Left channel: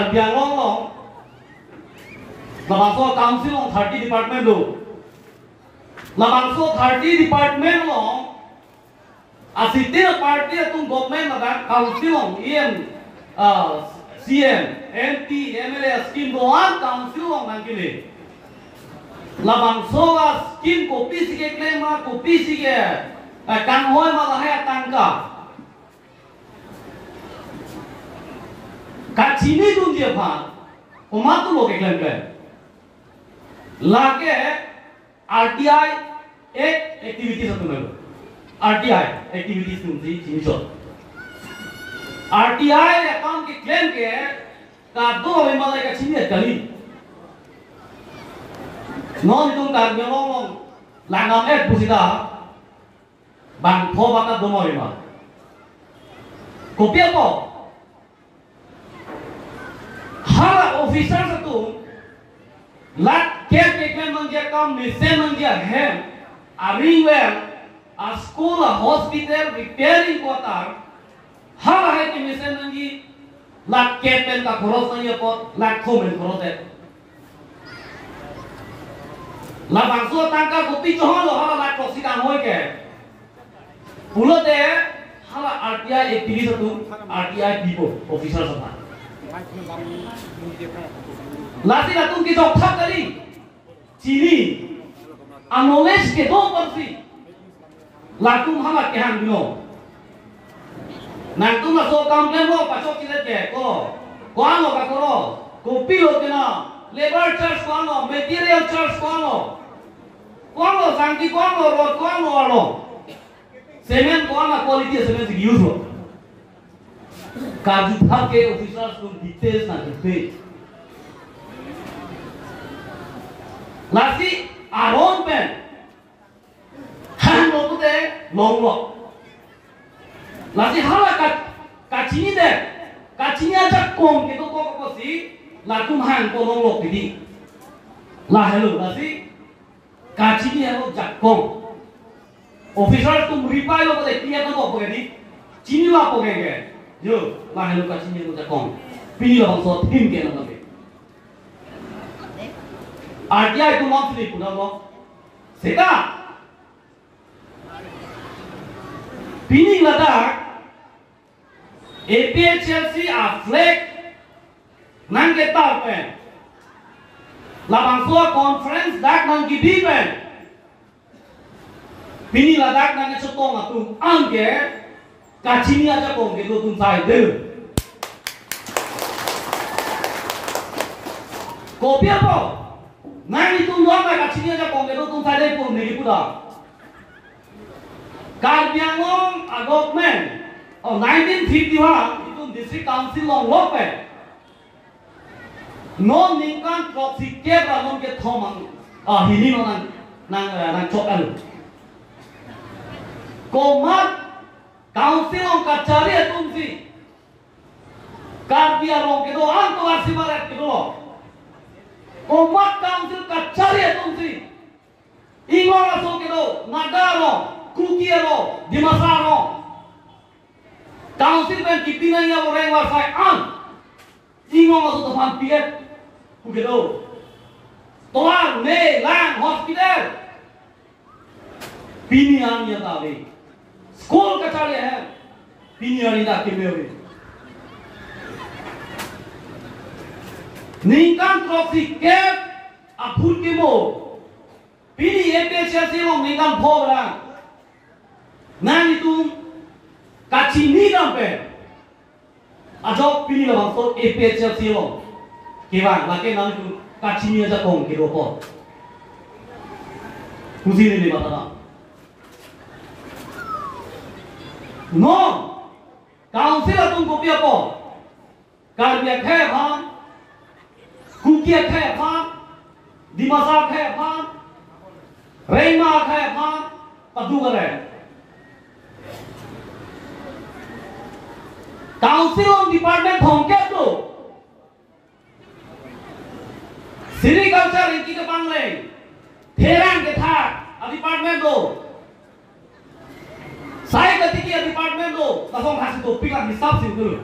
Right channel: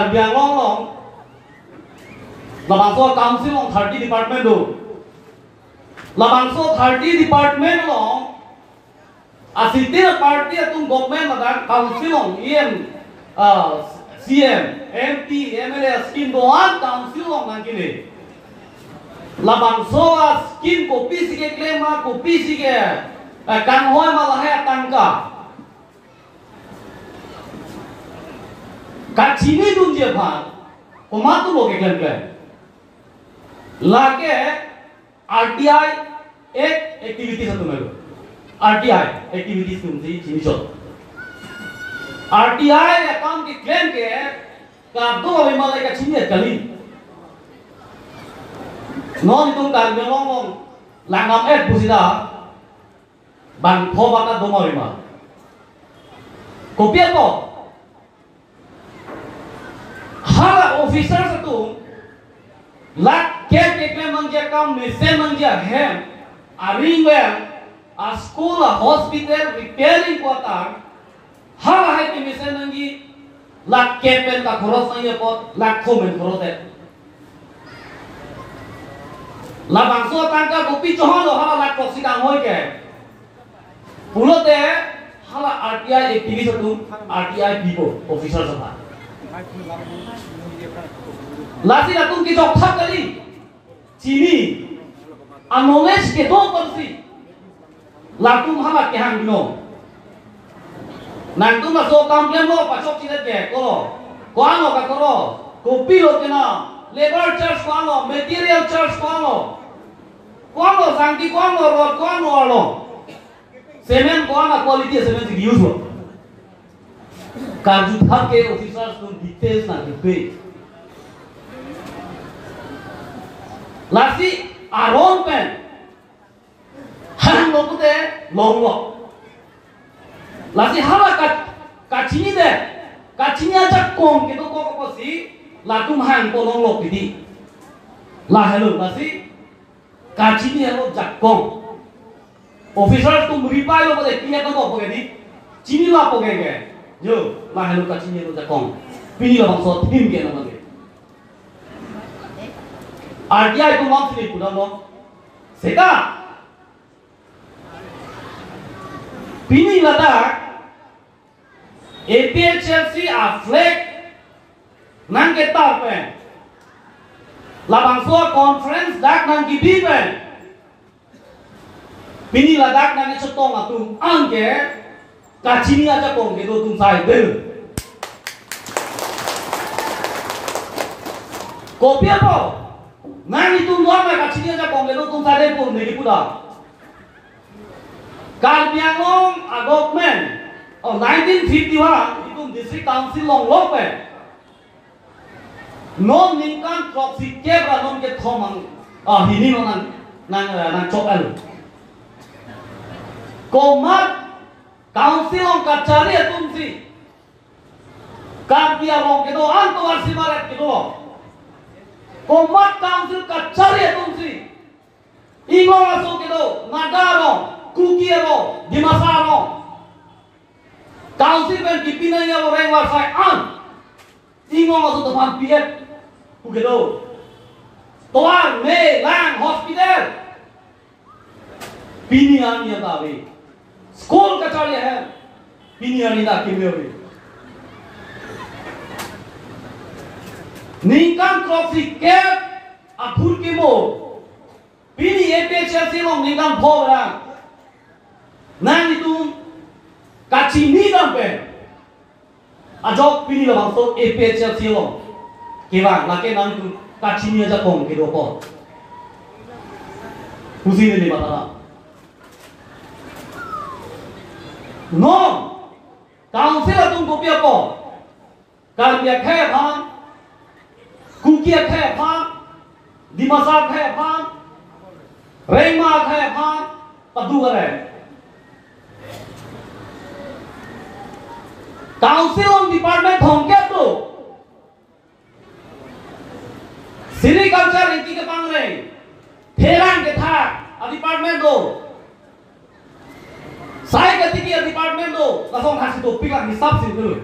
Karbiang long labangso council long 30 department do labangso 30 department long asitir party atung government madan council long em CM MP MLA scheme doan council long nangkile labangso scheme kopi sige claim kopi sige kan hoy malahe tangka Kachini dunje bhan omatu loge claim लाके RTI एक एक्टिविटी से तुम्हें RTI activities तुमसे चीज़ों RTI account की क्लेम के कादो विमाने का चीज़ कली नॉन तुम कार में लोग लांगम एक बुझिदा बांग फोबा का दोनों विमान कोपिया को हर ऑफिसर से तुम lakh Care take manja kam mission manja hem aringware a school a hospital repairing quarter har hai ki mission manji lak kepen ka khoros nang pot lak khomen khorose la bangso tangka gopi chohan lo hala lak proxy dang hoy ke pulote hala RTI activist tu RTI people officer sa lati la tum ki job thak kali Chini, anones ke do persi, lakum hama ke hang no. Nanti masuk kampian lo, pasok cilet ke, koano ka koro, kopi lo kena, labor charge koano, material charge koano sangki koano, road koano alo, semen koano quality semen sih use lo. Kaju thak ke officers tu details na detail. Lasi aron pen han loku de long lo lasi hala kachini aja kong gitu ko si lakum han ko long lo kidi la hello lasi kachini hello jakong officer tum reply lo bade kiya ko ko ni chini la ko ge yo la hello kachini hello jakong pini lo so tim ge na bade RTI ko monthly pura mo seta pini lada APHLC aflek nang kita pe labang so conference dak nang gidi pe pini lada nang chotong atu angge Kachini aja kong gitu tum sai de kopi apa Nang itu luar mereka Kachini aja kong itu tuh saya pun negi puda. Karbiangong government 1951 itu district council long lope. Non ningkan proxy kebra non ke thomang hini non nang chokal. Komat council long kachari atum si. Karbiangong ke do anto arsimaret ke do. Komat council kachari atumsi ingong aso kedo nagaro kukiero dimasaro council ben kipinanya orang warfai an ingong aso teman piet kukedo toan me lang hospital pinian ya tali school kachari hai pinian ida kimeori Ningkan trophy cap apur kimo pini APHLC long ningkan phora nang itu Kachini nampe ajok pini lo so APHLC long kira lake nang itu Kachini aja kong kiro po kusi ni bata no council atung kopi apa karya khe phang Kukia kaya phang, dimasa kaya phang, rema kaya phang, padu kare. Council on department thongke to. Sericulture rinki ke pangre, Heran ke tha, department do. Sai gati ke department do, lasong khasi to pila hisab sin dulu.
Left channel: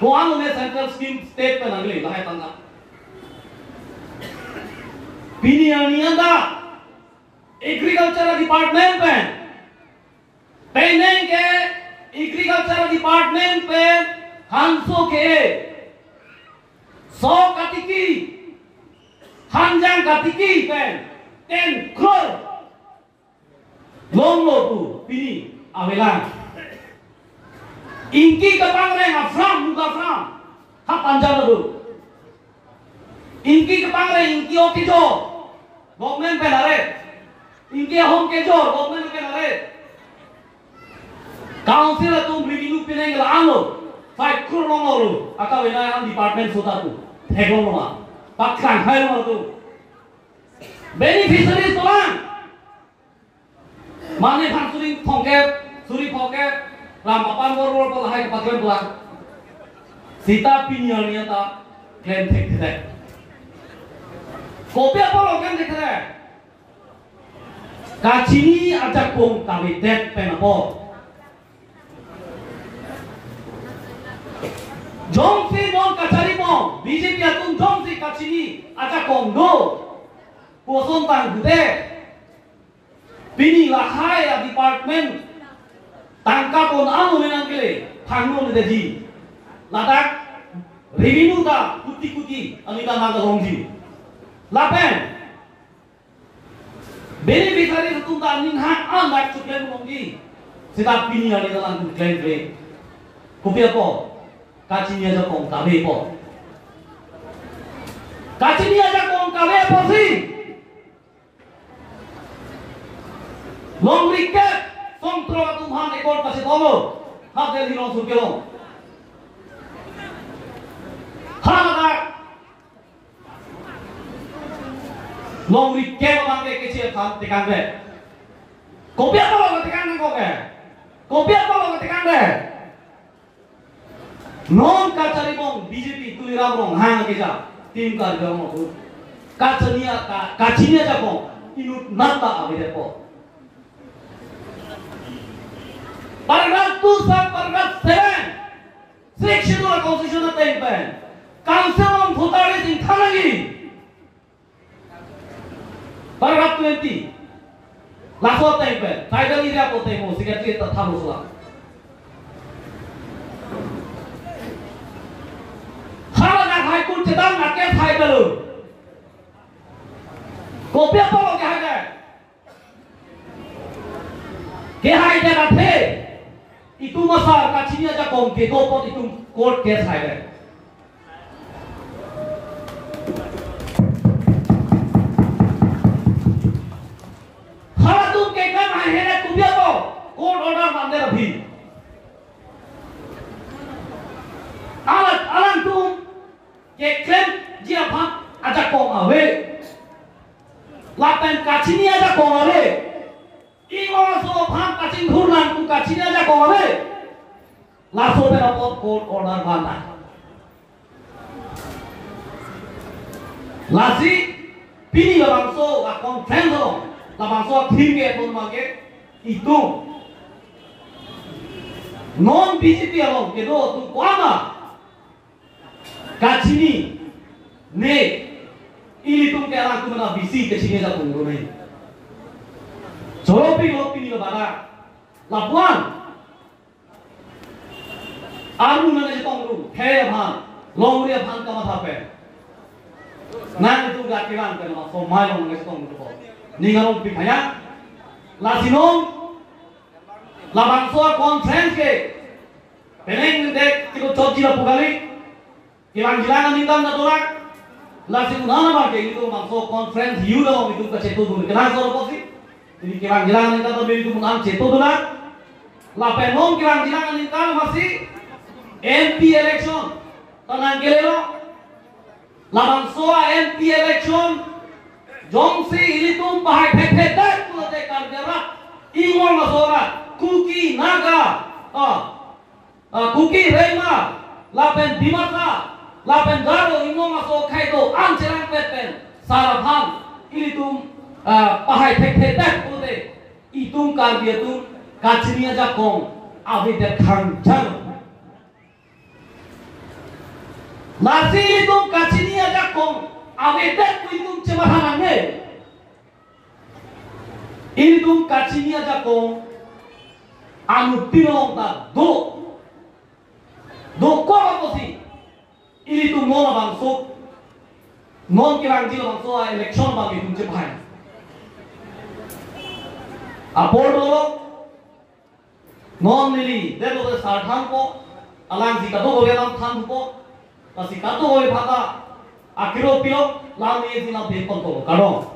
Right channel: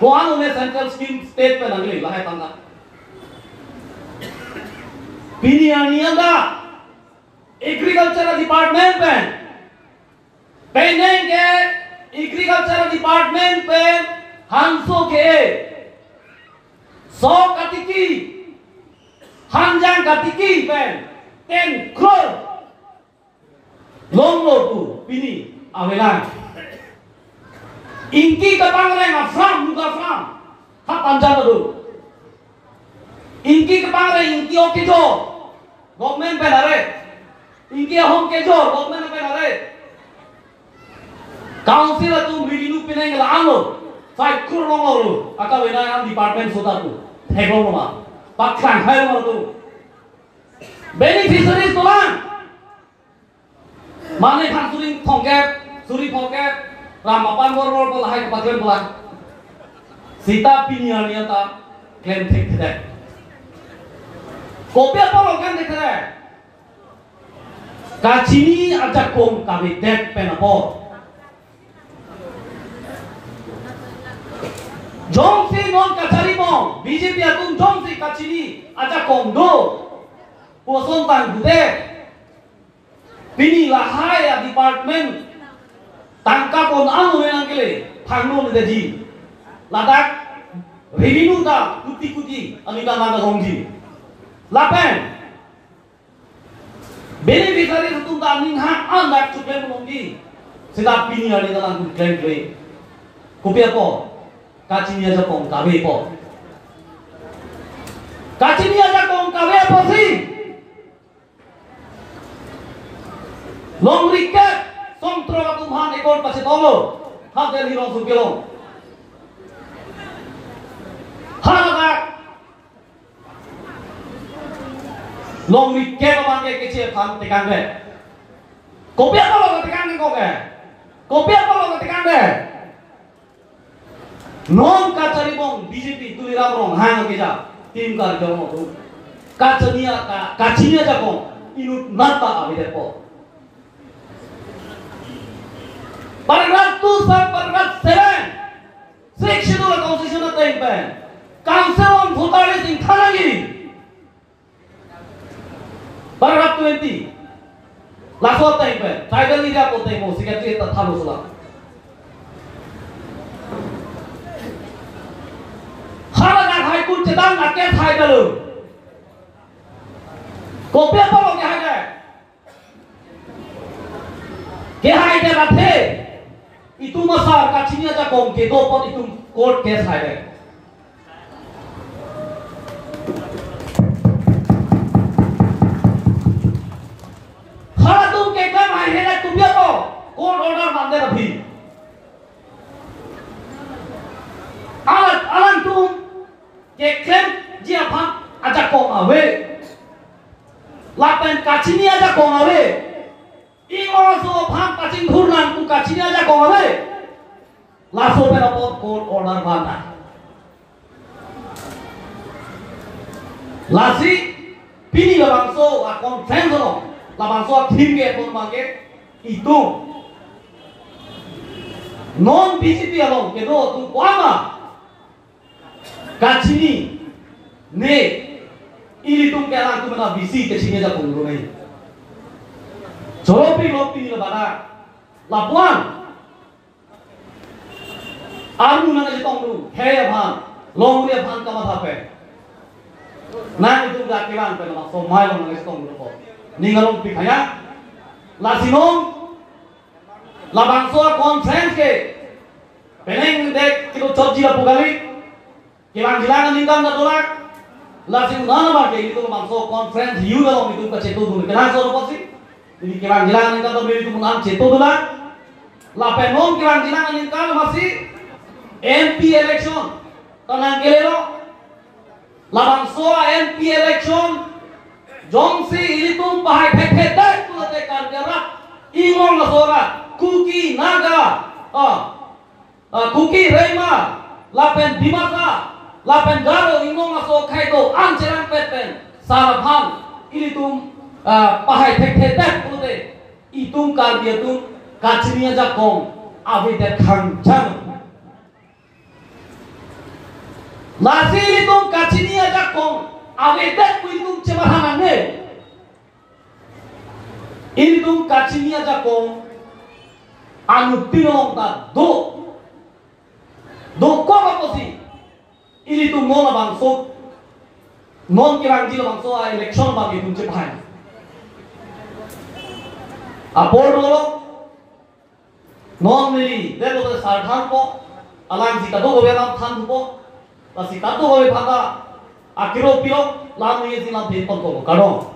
Ko anu ne central scheme state pe nangli lahai tanga. Pini anianda agriculture department pe peneng ke agriculture department pe hanso ke so katiki hanjang katiki pe 10 crore long lo tu pini avela inki kapang reng afram muka afram hak panjang tu inki kapang reng inki oke jo government pe nare inki home ke jo government pe nare council tu revenue pineng la alo 5 crore long lo aka wena am department sota tu theklo lo ma pakran hai lo tu beneficiaries tu lang mane phan suri phongke Ramapan boror pula hai kepadran pula sita piniania ta claim thek thek kopia polo claim thek thek Kachini ajakong kave det penapo jongsi non kachari mo BJP atung jongsi Kachini ajakong do puason tang gude pini lahai department tangka pon anu menang kele thangno le deji ladak revenue ta kuti anita manga hongji lapen beneficiary tu ta ning ha anak chukle hongji sida pini ani ta lang claim kele kopia po Kachini aja pong kave po Kachini aja pong kave po si long recap Kontrol Tuhan ekor pasi tolo, hasil hirong sukilong. Haladak, long weekend bangke kecil kan tekan deh. Kopi apa lo tekan kopi? Kopi apa lo tekan deh? Non kacari bong BJP tuliram bong hang keja tim kerja mo tu. Kachini aja bong inut nata abis depo. Paragraph 2 sub paragraph 7 section of the constitution of the empire council on authorities in Thanagi paragraph 20 laso of the empire tribal area pote mo secretary ta thalo sala hara high court chedang ake thai dalu kopya palo ke haja ke haja rathe itu masa Kachini aja kong ke dopot itu court case hai hara tum ke kam hai hera tumya ko court order mande rabhi alan tum ke claim ji aphan aja kong awe lapen Kachini aja kong awe Ingor so phang kaching thurlan ku Kachini aja kong awe laso pe rapot court order banda lasi pini labangso a conference lo labangso thim ke pon mage itu non BJP along ke do tu kwama Kachini ne ili tum ke ala tu na BC Kachini aja kong me Joropi lopi ni bana lapuan aru na je tongru he bhan longre bhan kama thape na itu lakiwan pe na so mai long nge tongru ko ningalong pikhaya lasinong labangso conference ke peneng dek kilo choji la pugali kilang jilangan ningkam na tolak lasin na ba ke itu mangso conference yu long itu pacetu dulu kena so posi ini kilang-kilang kita beri tu mengang ceto dolar, lapenom kilang-kilang ini kan masih MP election, tanah kelelo, labang soa MP election, jongsi ini tu bahai pepet tu ada kerja ingong masora, kuki naga, kuki rema, lapen dimata, lapen garo ingong masok kaido, ancerang pepen, sarapan ini tu pahai pepet tu ada, itu kerja tu Kachini aja kong, awi dek khang jang. Nasi itu kachini ajakong awetek itu cebahangannya. Itu kachini ajakong anu pilong ta do kau apa sih? Ini tuh mau bangso, non kirang jilo bangso election bagi itu cebahan. Apot lo non mili, demo tuh sarthang po, alang jika tuh boleh nam thang po. Masih tato boleh pada akhirnya pilok lalu ini sih nanti tonton karo